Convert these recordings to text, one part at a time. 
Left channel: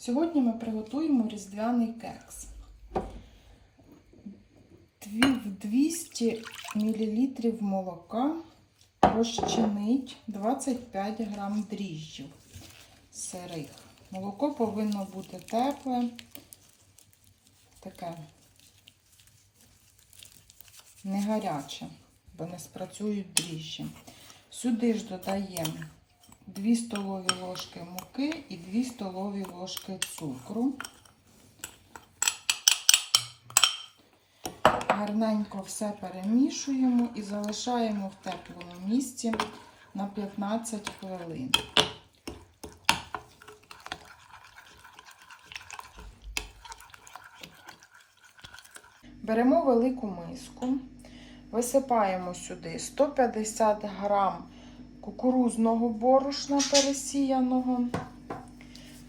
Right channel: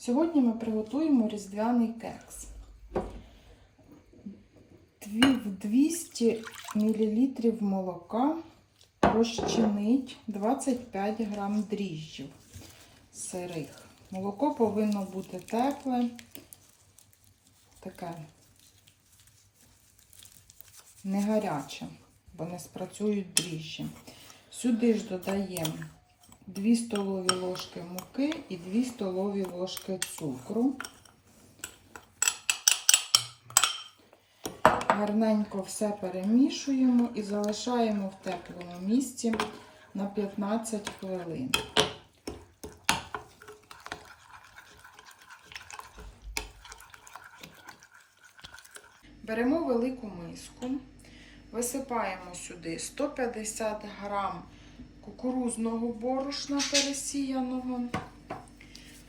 Сьогодні ми приготуємо різдвяний кекс. В 200 мл молока розчинить 25 грам дріжджів сирих. Молоко повинно бути тепле, таке не гаряче, бо не спрацюють дріжджі. Сюди ж додаємо 2 столові ложки муки і 2 столові ложки цукру. Гарненько все перемішуємо і залишаємо в теплому місці на 15 хвилин. Беремо велику миску, висипаємо сюди 150 грам кукурузного борошна пересіяного.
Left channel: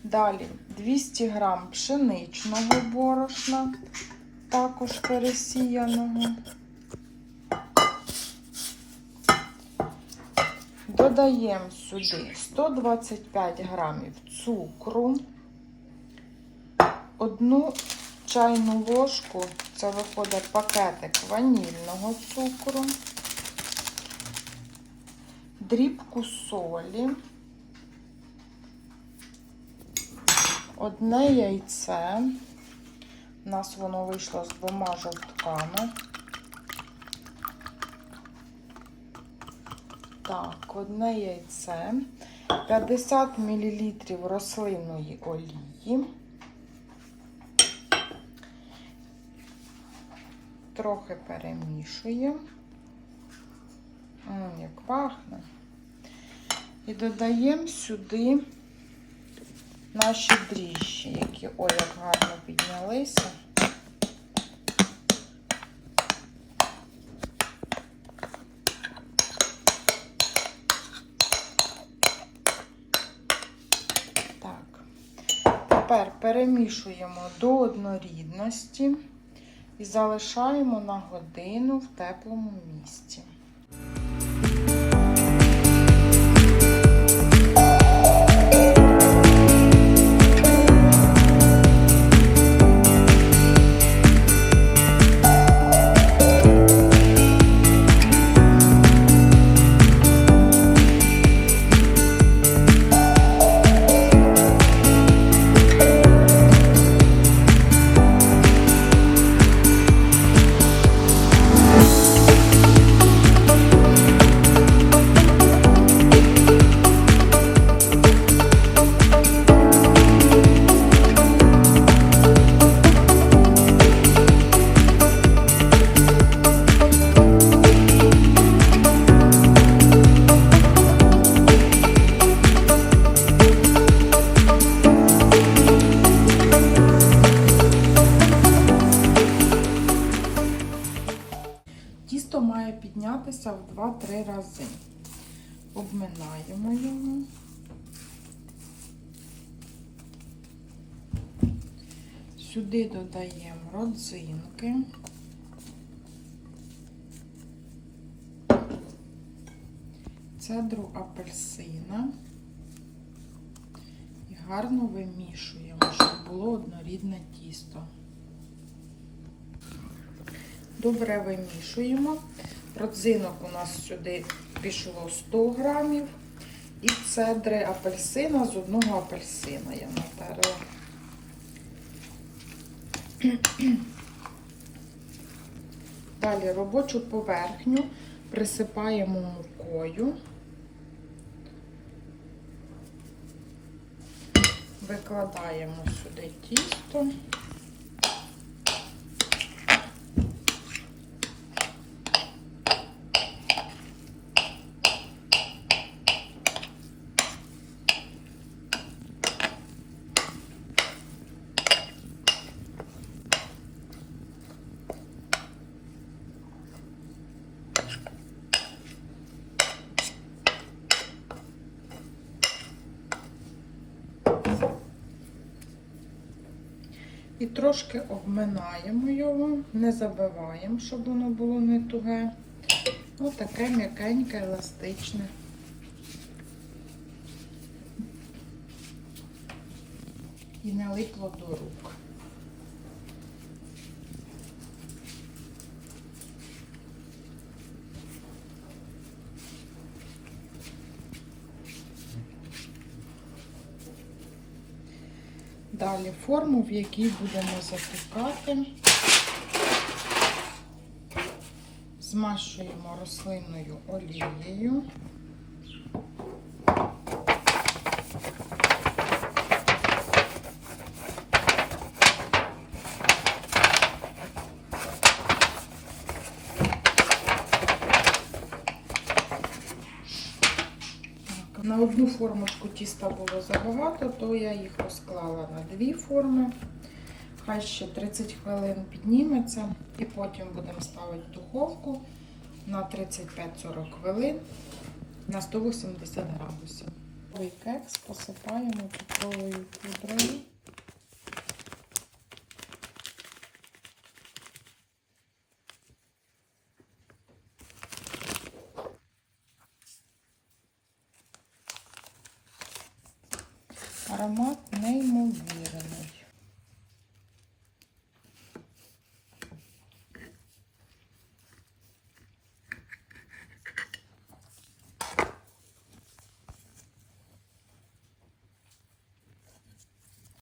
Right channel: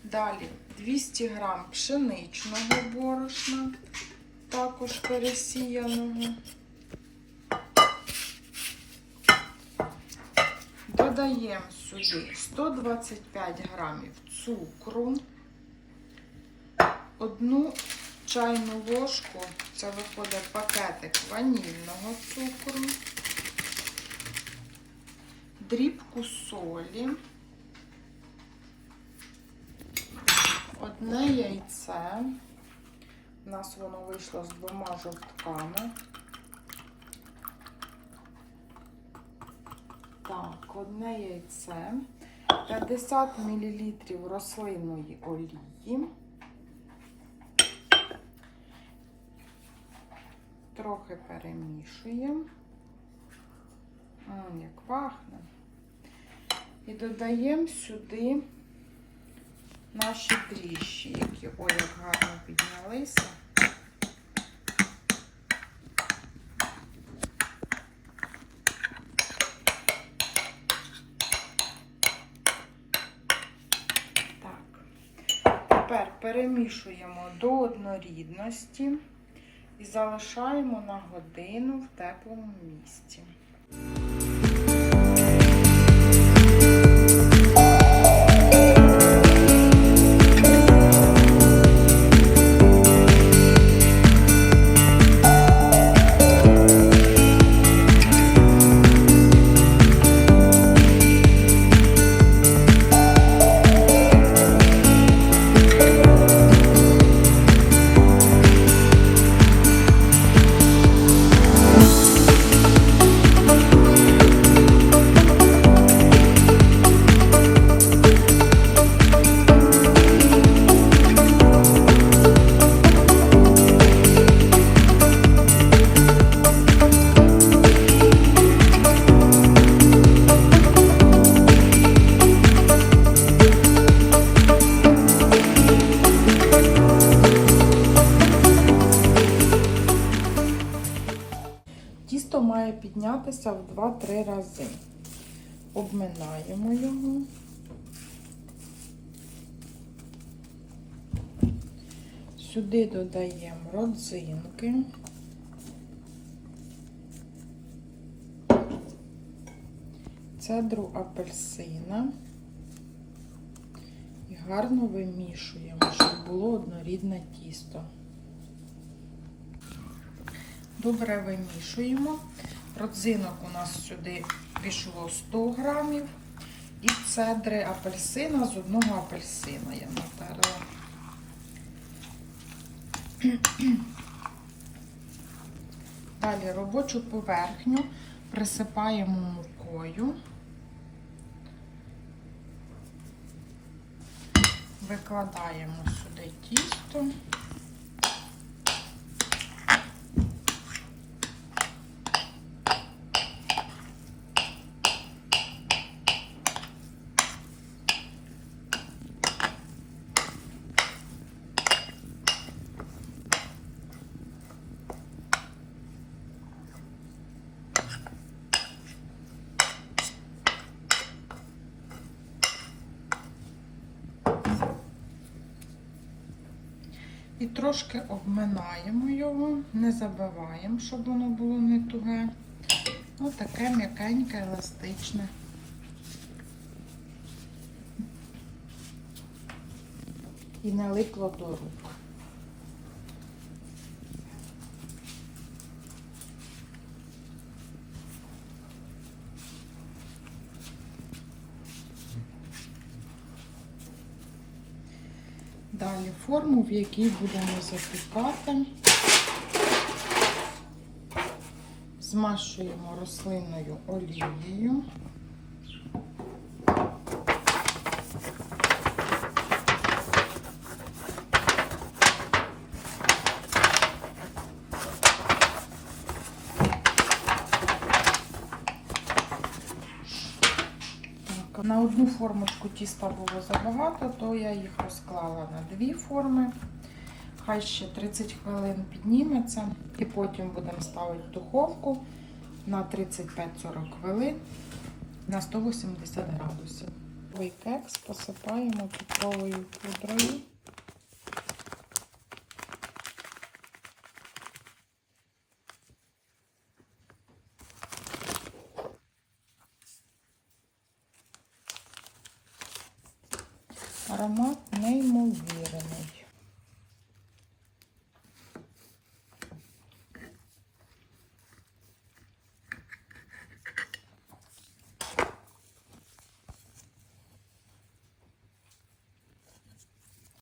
Далі 200 грам пшеничного борошна, також пересіяного. Додаємо сюди 125 грамів цукру, одну чайну ложку, це виходить пакетик ванільного цукру, дрібку солі, одне яйце. У нас воно вийшло з двома жовтками. Так, одне яйце, 50 мл рослинної олії. Трохи перемішуємо. Як пахне. І додаємо сюди наші дріжджі, які ой, як гарно піднялися. Тепер перемішуємо до однорідності і залишаємо на годину в теплому місці. Піднятися в 2-3 рази. Обминаємо його. Сюди додаємо родзинки. Цедру апельсина. І гарно вимішуємо, щоб було однорідне тісто. Добре вимішуємо. Родзинок у нас сюди пішло 100 грамів. І цедри апельсина з одного апельсина я натерла. Далі робочу поверхню присипаємо мукою. Викладаємо сюди тісто. І трошки обминаємо його, не забиваємо, щоб воно було не туге. Ось таке м'якеньке, еластичне. і не липло до рук. Далі форму, в якій будемо запікати. Змашуємо рослинною олією. Так, на одну формочку тіста було забагато, то я їх розклала на дві форми. Хай ще 30 хвилин підніметься. І потім будемо ставити в духовку на 35-40 хвилин на 180 градусів. Ой кекс посипаємо цукровою пудрою. Аромат неймовірний.